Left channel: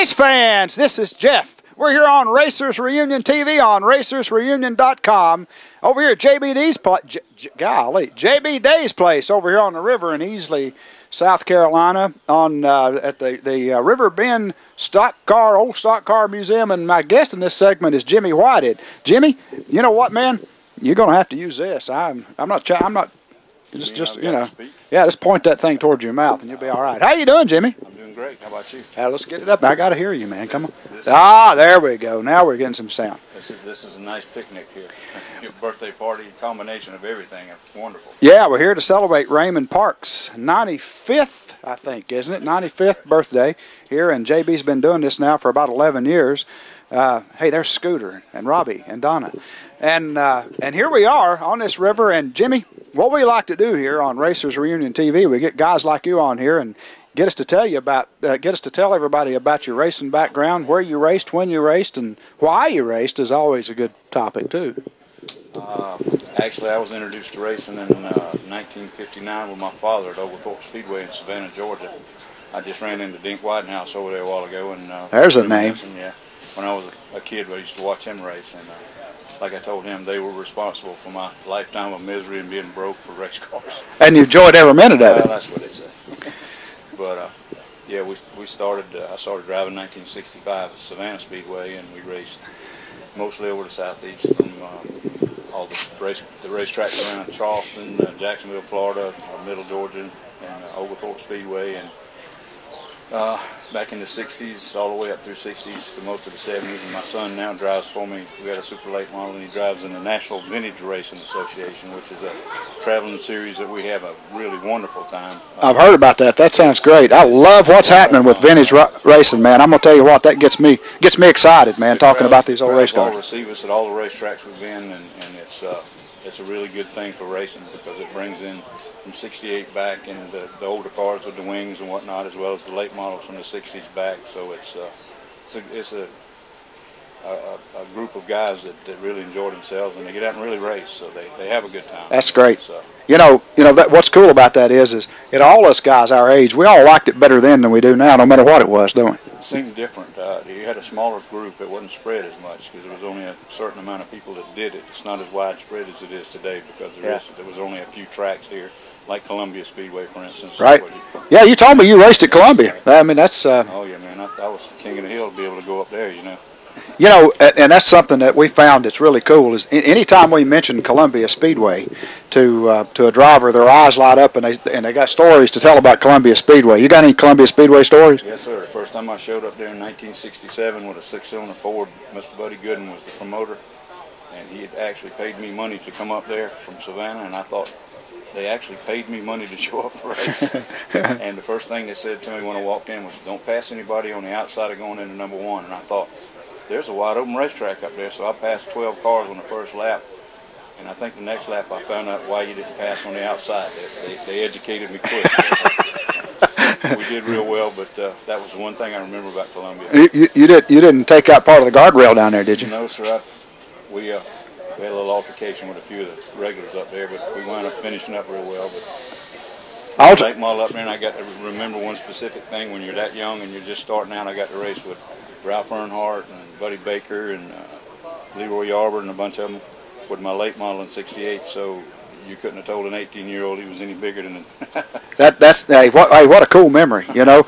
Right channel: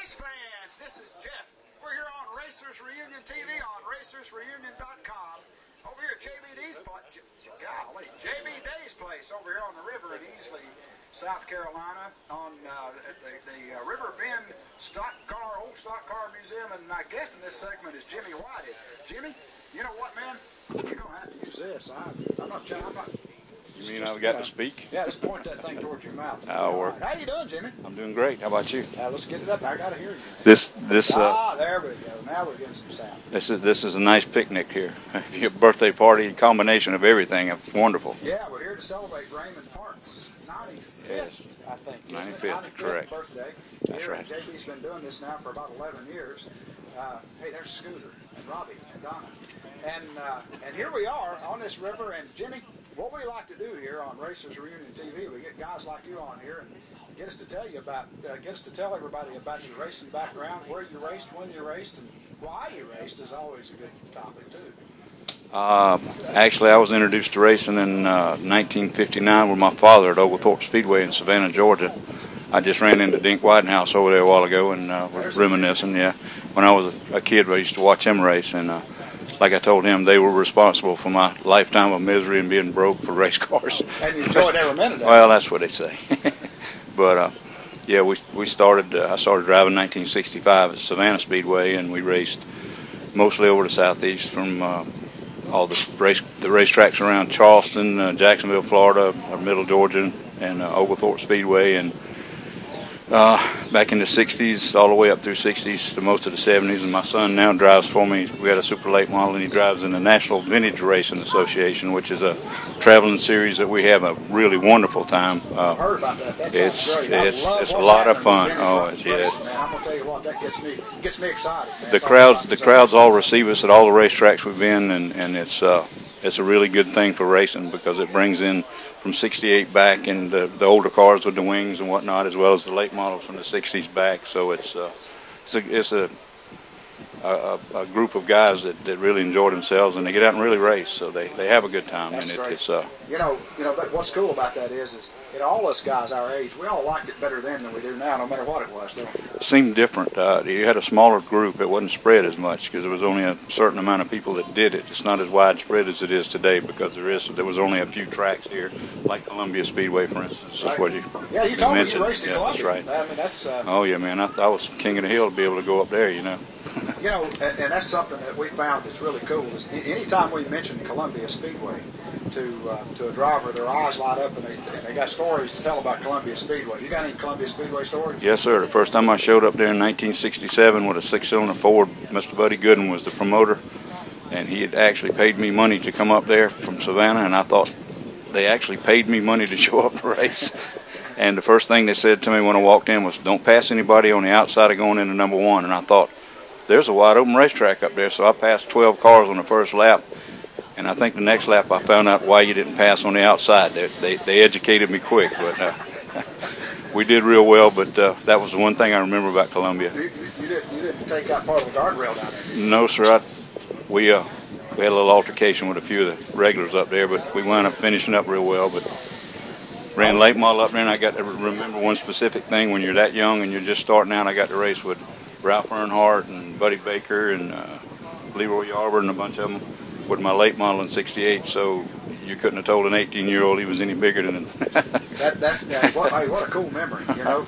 race fans, this is Jeff. We're here on Racers Reunion TV on RacersReunion.com. Over here at JB Day's place over here on the river in Easley, South Carolina, on at the River Bend Old Stock Car Museum, and my guest in this segment is Jimmy Whitehead. Jimmy, you know what, man? You're gonna have to use this. I'm not. Just you know. Yeah, just point that thing towards your mouth, and you'll be all right. How you doing, Jimmy? I'm doing great. How about you? Let's get it up. I gotta hear you, man. There we go. Now we're getting some sound. This is a nice picnic here. Your birthday party, combination of everything. It's wonderful. Yeah, we're here to celebrate Raymond Parks' 95th, I think, isn't it? 95th birthday here, and JB's been doing this now for about 11 years. Hey, there's Scooter and Robbie and Donna, and here we are on this river. And Jimmy, what we like to do here on Racers Reunion TV, we get guys like you on here and get us to tell everybody about your racing background, where you raced, when you raced, and why you raced is always a good topic too. Actually, I was introduced to racing in 1959 with my father at Oglethorpe Speedway in Savannah, Georgia. I just ran into Dink Whitehouse over there a while ago, and there's a name. Yeah, when I was a kid, I used to watch him race, and like I told him, they were responsible for my lifetime of misery and being broke for race cars. And you enjoyed every minute of it. Well, that's what they say. But yeah, I started driving in 1965 at Savannah Speedway, and we raced mostly over the southeast from all the racetracks around Charleston, Jacksonville, Florida, Middle Georgia, and Oglethorpe Speedway, and back in the 60s, all the way up through 60s to most of the 70s. And my son now drives for me. We had a super late model, and he drives in the National Vintage Racing Association, which is a traveling series that we have a really wonderful time. I've heard about that. That sounds great. I love what's happening with vintage racing, man. I'm gonna tell you what, that gets me excited, man. Talking about these the crowds all receive us at all the racetracks we've been, and it's a really good thing for racing because it brings in from 68 back, and the older cars with the wings and whatnot, as well as the late models from the 60s back. So it's a group of guys that really enjoy themselves, and they get out and really race, so they have a good time. That's great. You know what's cool about that is all us guys our age, we all liked it better then than we do now, no matter what it was, don't we? It seemed different. You had a smaller group. It wasn't spread as much because there was only a certain amount of people that did it. It's not as widespread as it is today because there was only a few tracks here, like Columbia Speedway, for instance. Right. Yeah, you told me you raced at Columbia. Right. I mean, that's. Oh yeah, man. I was king of the hill to be able to go up there, you know. You know, and that's something that we found that's really cool is anytime we mention Columbia Speedway to a driver, their eyes light up and they got stories to tell about Columbia Speedway. You got any Columbia Speedway stories? Yes, sir. The first time I showed up there in 1967 with a 6-cylinder Ford, Mr. Buddy Gooden was the promoter, and he had actually paid me money to come up there from Savannah, and I thought they actually paid me money to show up to race. And the first thing they said to me when I walked in was, "Don't pass anybody on the outside of going into number one." And I thought, there's a wide open racetrack up there, so I passed 12 cars on the first lap, and I think the next lap I found out why you didn't pass on the outside. They educated me quick. We did real well, but that was the one thing I remember about Columbia. You didn't take out part of the guardrail down there, did you? No, sir. We had a little altercation with a few of the regulars up there, but we wound up finishing up real well. But ran a late model up there, and I got to remember one specific thing. When you're that young and you're just starting out, I got to race with Ralph Earnhardt and Buddy Baker and Leroy Yarber and a bunch of them with my late model in 68. So you couldn't have told an 18-year-old he was any bigger than that's what a cool memory, you know.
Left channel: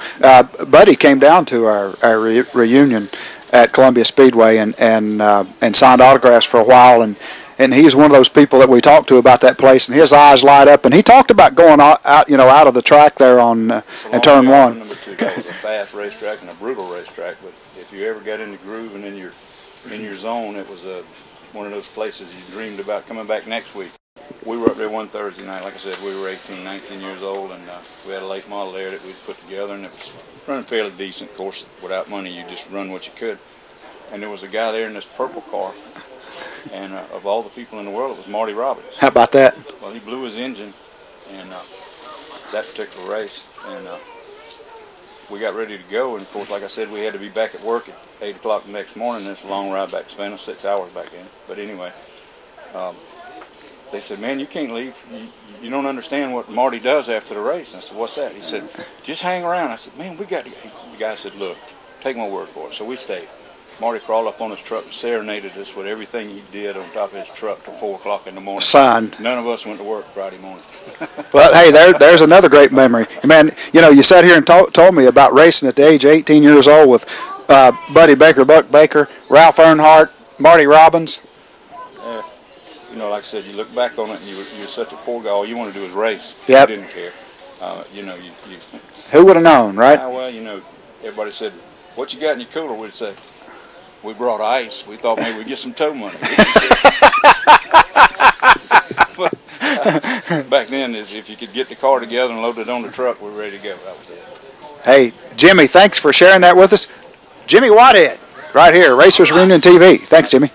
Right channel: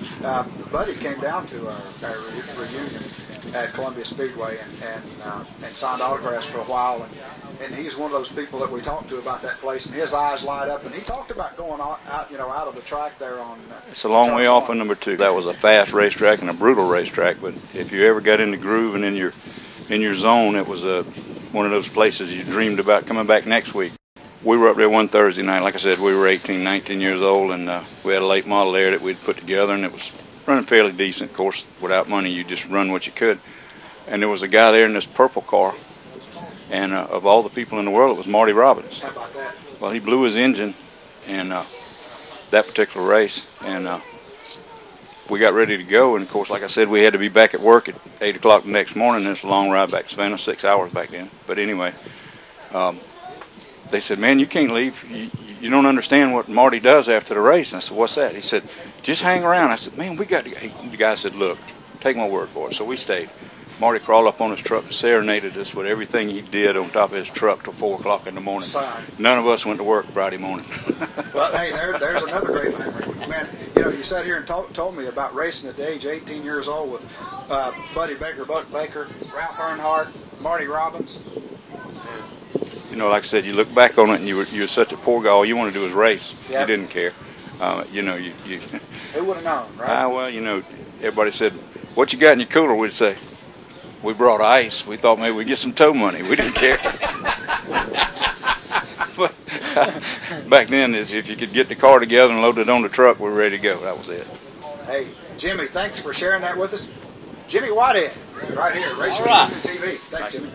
Buddy came down to our reunion at Columbia Speedway and signed autographs for a while, and he's one of those people that we talked to about that place, and his eyes light up, and he talked about going out of the track there on turn one. Number 2. That was a fast racetrack and a brutal racetrack, but if you ever got in the groove and in your zone, it was one of those places you dreamed about coming back next week. We were up there one Thursday night. Like I said, we were 18, 19 years old, and we had a late model there that we'd put together, and it was running fairly decent. Of course, without money, you just run what you could. And there was a guy there in this purple car, and of all the people in the world, it was Marty Robbins. How about that? Well, he blew his engine in that particular race, and we got ready to go. And, of course, like I said, we had to be back at work at 8 o'clock the next morning. It's a long ride back to Savannah, 6 hours back then. But anyway, they said, "Man, you can't leave. You don't understand what Marty does after the race." And I said, "What's that?" He said, "Just hang around." I said, "Man, we got to." The guy said, "Look, take my word for it. So we stayed. Marty crawled up on his truck and serenaded us with everything he did on top of his truck till 4 o'clock in the morning. Signed. None of us went to work Friday morning. Well, hey, there's another great memory. Man, you know, you sat here and told me about racing at the age of 18 years old with Buddy Baker, Buck Baker, Ralph Earnhardt, Marty Robbins. You know, like I said, you look back on it and you were such a poor guy. All you want to do is race. Yep. You didn't care. You know, you Who would have known, right? well, you know, everybody said, "What you got in your cooler?" We'd say, "We brought ice. We thought maybe we'd get some tow money." We didn't care. Back then, if you could get the car together and load it on the truck, we were ready to go. That was it. Hey, Jimmy, thanks for sharing that with us. Jimmy Whitehead, right here, Racers Reunion TV. Thanks, Jimmy.